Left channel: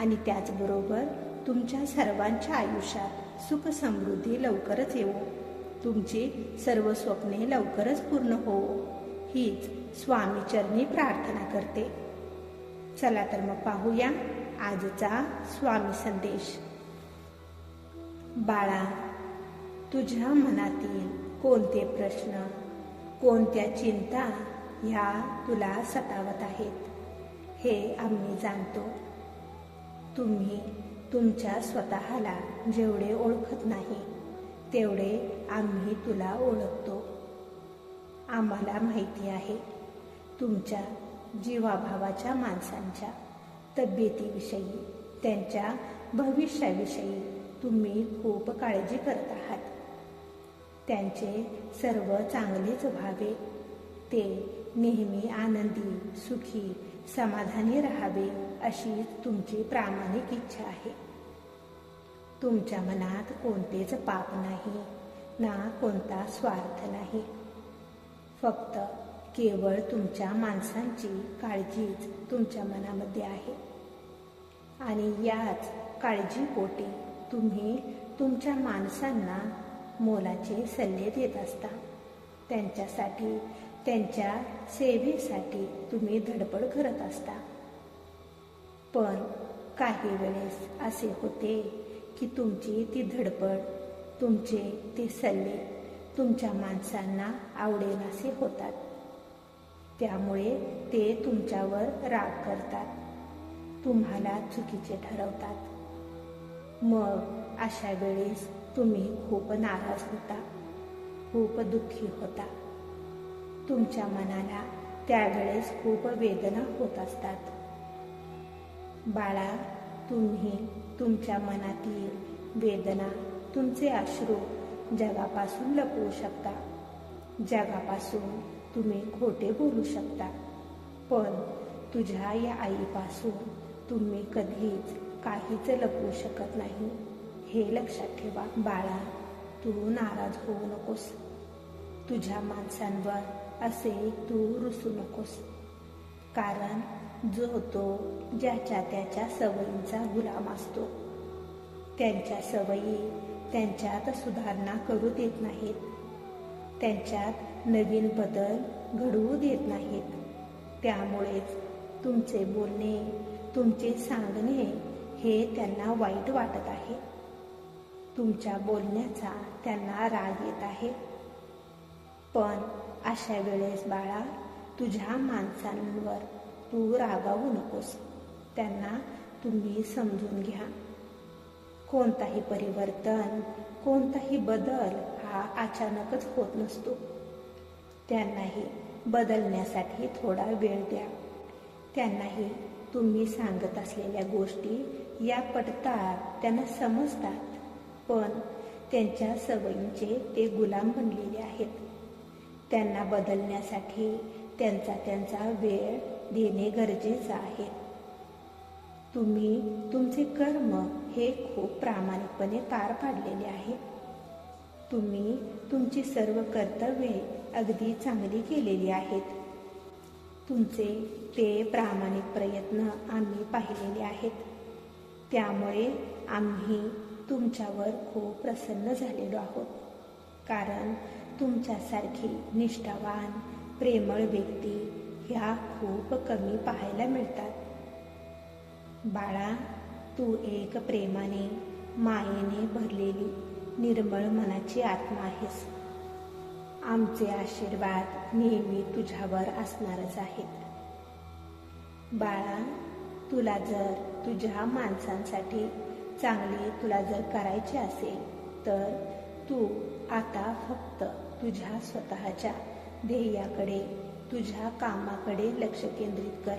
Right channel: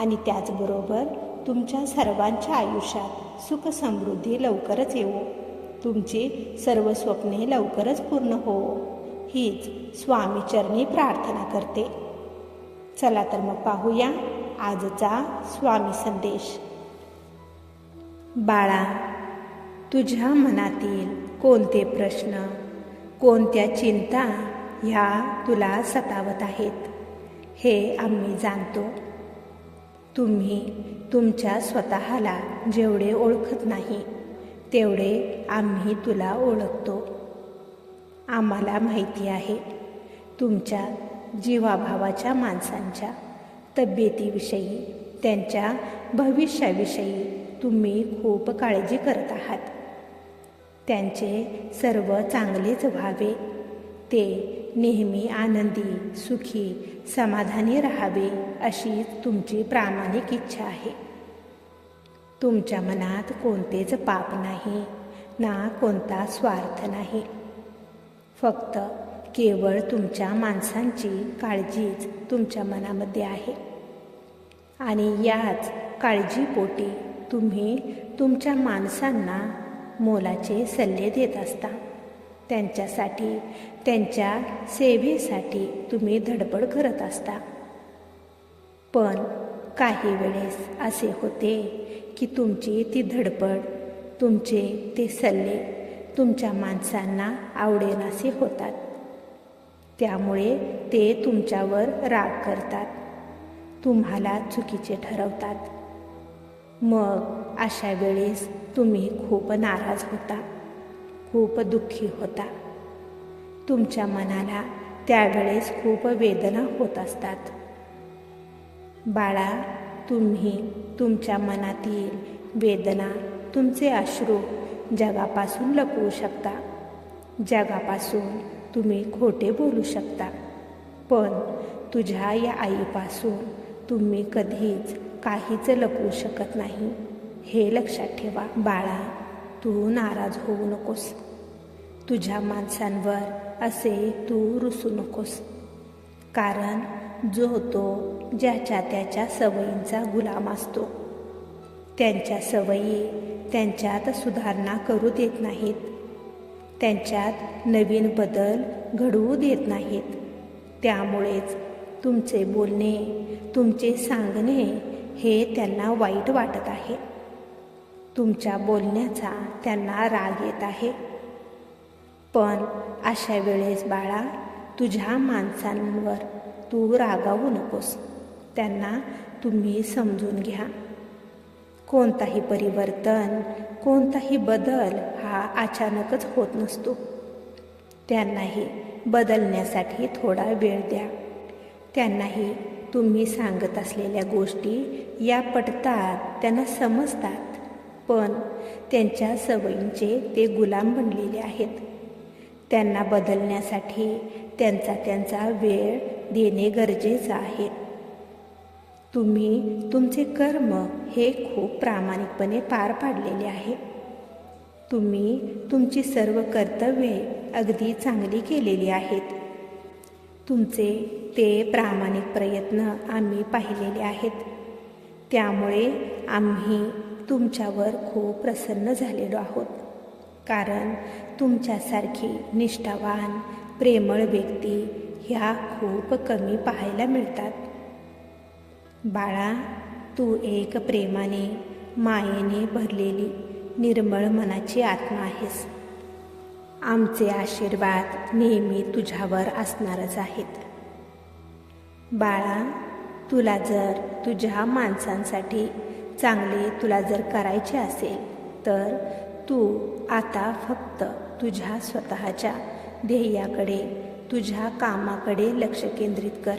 आणि त्याचबरोबर तुमच्या सर्वांच्या आयुष्यात सुख समृद्धी लवकरच येऊ तुमची सर्व स्वप्ने लवकरच पूर्ण होवो हीच स्वामीचरणी प्रार्थना करते. चला तर मग पाहूया आजचा स्वामी संदेश. बाळा तुझ्या मनातील कोणते प्रश्न कोणत्या चिंता ह्या तुला सतावत आहेत हे आम्ही जाणतो. तुम्ही तुमच्या स्वतःला जेवढे ओळखत नाही तेवढे आम्ही तुला ओळखतो. आम्हाला माहिती आहे तुमच्या जीवाभावाच्या माणसांच्या तब्येतीविषयी त्यांच्या भविष्याविषयी तुम्ही खूप काळजी करत आहात. त्यांचे सर्व चांगलेच व्हावे ते नेहमी आनंदी सुखी समाधानी राहावे अशी तुमची प्रामाणिक इच्छा आहे. तुमच्या मनात कोणतेच पाप नाही ना कोणता स्वार्थ नाही. फक्त केवळ तुमच्या माणसांची काळजीच तुमच्या मनामध्ये आहे. आणि याच काळजीपोटी तुम्ही तुमच्या माणसांना मोलाचे सल्ले देत असता. त्यांच्यासाठी त्यांच्या सेवेसाठी तुम्ही धडपड करत असता. पण काही वेळेस असे होते की तुमची ती धडपड तुमचे ते सल्ले तुमच्या माणसांना आवडेनासे होतात. त्यामुळे ते तुमच्यावर राग करतात. तुम्हाला चुकीचे ठरवतात. मग अशा वेळेस तुम्ही खूप नाराज होता खूप दुःखी होता. तुमच्या मनाला त्यावेळेस खूप वेदना होत असतात. बाळा तुम्ही तुमच्या मनातील वेदना तुमचे अश्रू जगापासून लपवू शकता. जगापासून तुम्ही खोटे बोलू शकता. पण तुझ्या या आईपासून तुम्ही कधीच काहीच लपवू शकत नाही. हे लक्षात ठेवा बाळा तू नाराज होऊ नकोस. तुझ्या माणसांवर असे तू रुसू नकोस. कारण जो तो ज्याच्या त्याच्या सवयींचा गुलाम असतो. त्यांच्या सवयी त्यांच्यात सुधारणा करू देत नाहीत. त्यांच्यात नवीन बदल घडवू देत नाहीत. त्यामुळेच तुमचे बोलणे तुमचे सांगणे हे त्यांना वाईट वाटत आहे. तुमच्या बोलण्याचा त्यांना राग येत आहे. पण अशा वेळेस बाळा तुझ्या माणसांवर तू रागावू नकोस. त्यांना तुम्ही समजून घ्या. कोणताही परिवर्तन कोणताही बदल हा अचानकच होत नसतो. त्यांनाही बदलण्यासाठी थोडा वेळ द्या. त्यांनाही तुम्ही सांगत असलेल्या गोष्टी या पटतात त्यांना समजतात. पण त्यांच्या सवयींचे ते गुलाम बनलेले आहेत. त्यांना बदलण्यासाठी त्यांचा त्यांचा वेळ देणे गरजेचं आहे. तुम्ही तुमचे कर्म हे खूप प्रामाणिकपणे पार पाडलेले आहे. तुम्ही तुमची सर्व कर्तव्ये अगदी चांगली केलेली आहेत. तुमचे ते प्रामाणिक प्रयत्न आम्ही पाहिलेले आहेत. त्यामुळे आम्ही तुमच्यावर खूप प्रसन्न झालेलो आहोत. कारण तुमच्यासारखी निष्ठावान प्रेमळ व्यक्ती ह्या खूप कमी पाहायला मिळतात. बाळा तू एक प्रेमाने मायेने भरलेली निर्मळ मनाची आत्मा आहेस. आमचे आशीर्वाद नेहमी तुझ्यावर असणारच आहेत. बाळा तुला जर तुझ्या माणसांसाठी चांगले तुला जर करायचे असेल तर तू आता फक्त तुझ्या स्वतःच्या ध्येयाकडे तुझ्या कामाकडे लक्ष केंद्रित कर.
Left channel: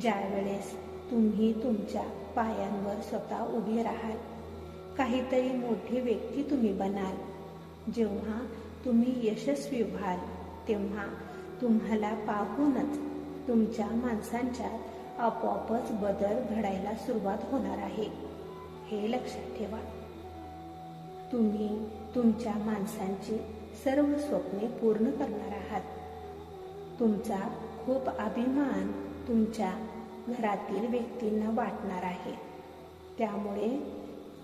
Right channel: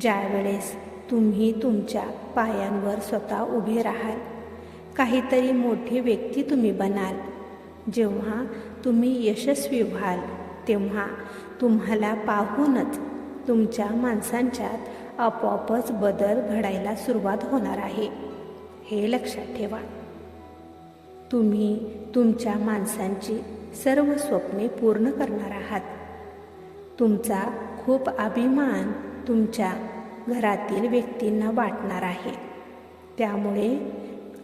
ज्यावेळेस तुम्ही तुमच्या पायांवर स्वतः उभे राहाल काहीतरी मोठी व्यक्ती तुम्ही बनाल. जेव्हा तुम्ही यशस्वी व्हाल तेव्हा तुम्हाला पाहूनच तुमच्या माणसांच्यात आपोआपच बदल घडायला सुरुवात होणार आहे. हे लक्षात ठेवा. तुम्ही तुमच्या माणसांची सर्व स्वप्ने पूर्ण करणार आहात. तुमचा खूप अभिमान तुमच्या घरातील व्यक्तींना वाटणार आहे. त्यामुळे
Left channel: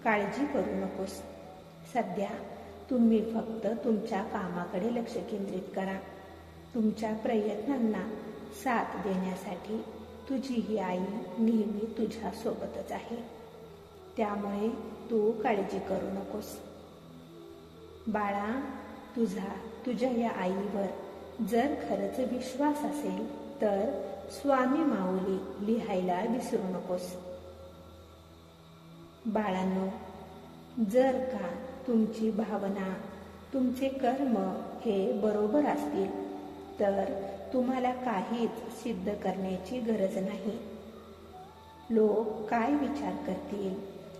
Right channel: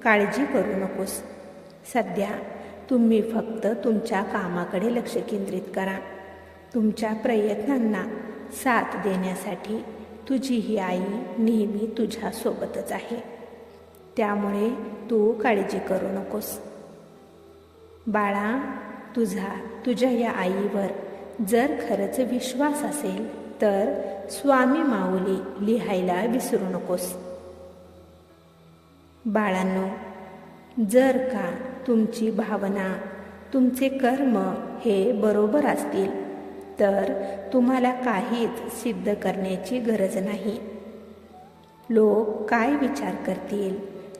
काळजी करू नकोस. सध्या तुम्ही फक्त तुमच्या कामाकडे लक्ष केंद्रित करा. तुमच्या प्रयत्नांना साथ देण्यासाठी तुझी ही आई नेहमी तुझ्यासोबतच आहे. त्यामुळे तू काळजी करू नकोस. बाळा तुझा तुझ्या या आईवर जर खरंच विश्वास असेल तर स्वामी माऊली लिहायला विसरू नकोस. बाळांनो जर का तुमची भावना तुमचे कर्म हे बरोबर असतील तर तुम्हाला काहीच सिद्ध करण्याची गरज नाही. लोक काय विचार करतील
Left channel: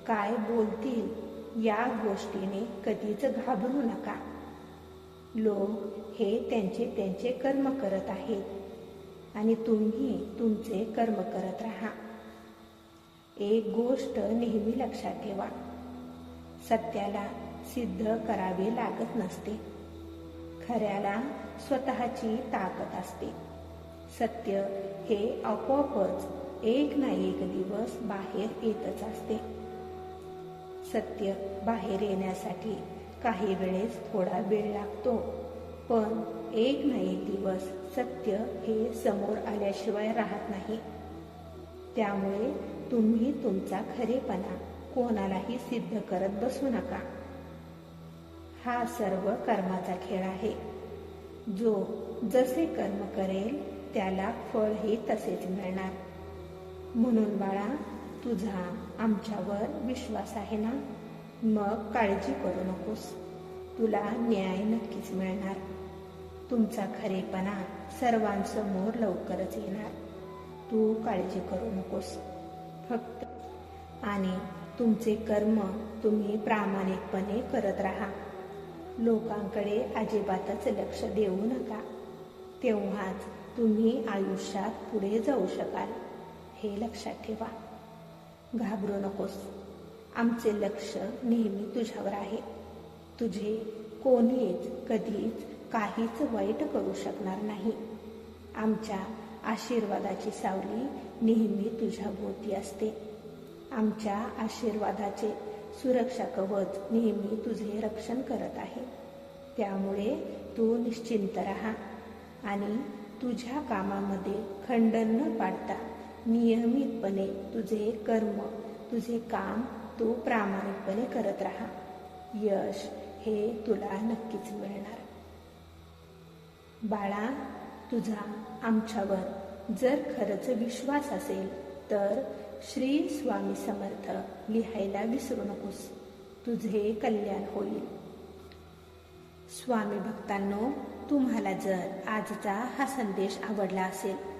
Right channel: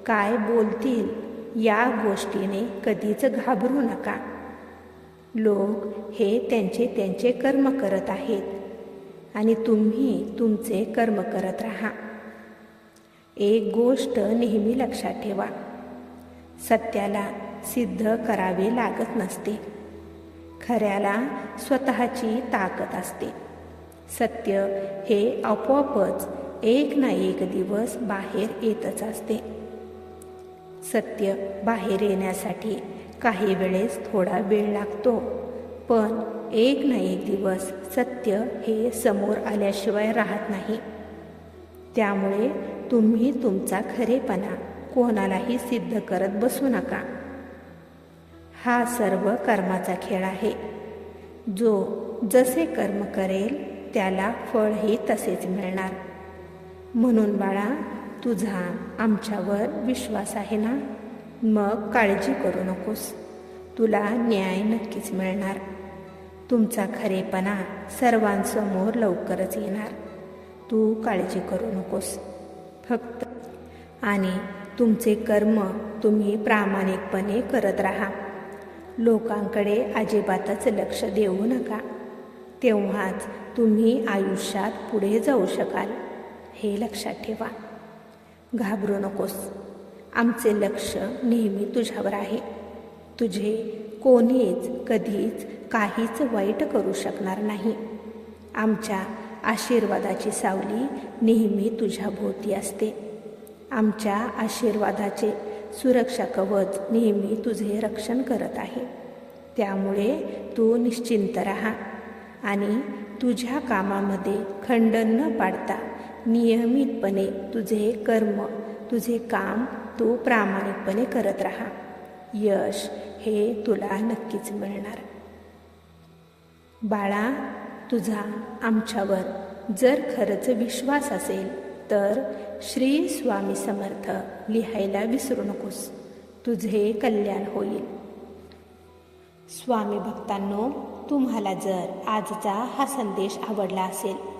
काय बोलतील या गोष्टीने कधीच घाबरू नका. लोक हे त्यांचे त्यांचे कर्म करत आहेत आणि तुम्ही तुमचे कर्म करत राहा. एक गोष्ट नेहमी लक्षात ठेवा. सत्याला सिद्ध करावे लागत नसते. खऱ्याला स्वतःची ताकद असते. सत्य हे आपोआपच एक ना एक दिवस बाहेर येतच असते. सत्य बाहेर येण्यासाठी काही वेळेस थोडा वेळ लागतो. पण एक ना एक दिवस सत्य हे समोर आल्याशिवाय राहत नाही. त्यामुळे तुम्ही तुमचा खरेपणा कोणालाही सिद्ध करत बसू नका. हा सर्व कर्माचा खेळ आहे. जो जसे कर्म करेल त्याला फळही तसेच मिळणार. म्हणून बाळा तुझा आमच्यावर विश्वास आहे ना? मग काळजी करू नकोस. तुला न्याय नक्कीच मिळणार. तुमचा खरेपणा सर्वांसमोर लवकरच येणार. तू काळजी करू नकोस. फक्त आणि तुमचे कर्म तुम्ही प्रामाणिकपणे करत राहा. लोकांकडे अजिबातच लक्ष देऊ नका. तेव्हाच तुम्ही आयुष्यात पुढे जाऊ शकाल. हे लक्षात ठेवा. घाबरू नकोस. आमचे लक्ष नेहमी तुझ्यावर आहे. तुझे कोणीच कधीच काहीच वाईट करू शकणार नाही. आमच्या आशीर्वादाची सावली नेहमी तुझ्या भोवती असते. आमच्या आशीर्वादाचे सुरक्षा कवच नेहमी तुझे रक्षण करत आहे. त्यामुळे तू निश्चिंत राहा आणि तुझ्या कामामध्ये खंड न पाडता नियमितपणे तुझे कर्म तुझे काम तू प्रामाणिकपणे करत राहा. यश हे तुला नक्कीच मिळणार. बाळा तुझा आमच्यावर जर खरंच विश्वास असेल तर श्री स्वामी समर्थ लिहायला विसरू नकोस. तुझे कल्याण होईल. स्वामी भक्तांनो तुम्हाला जर आजचा हा संदेश आवडला असेल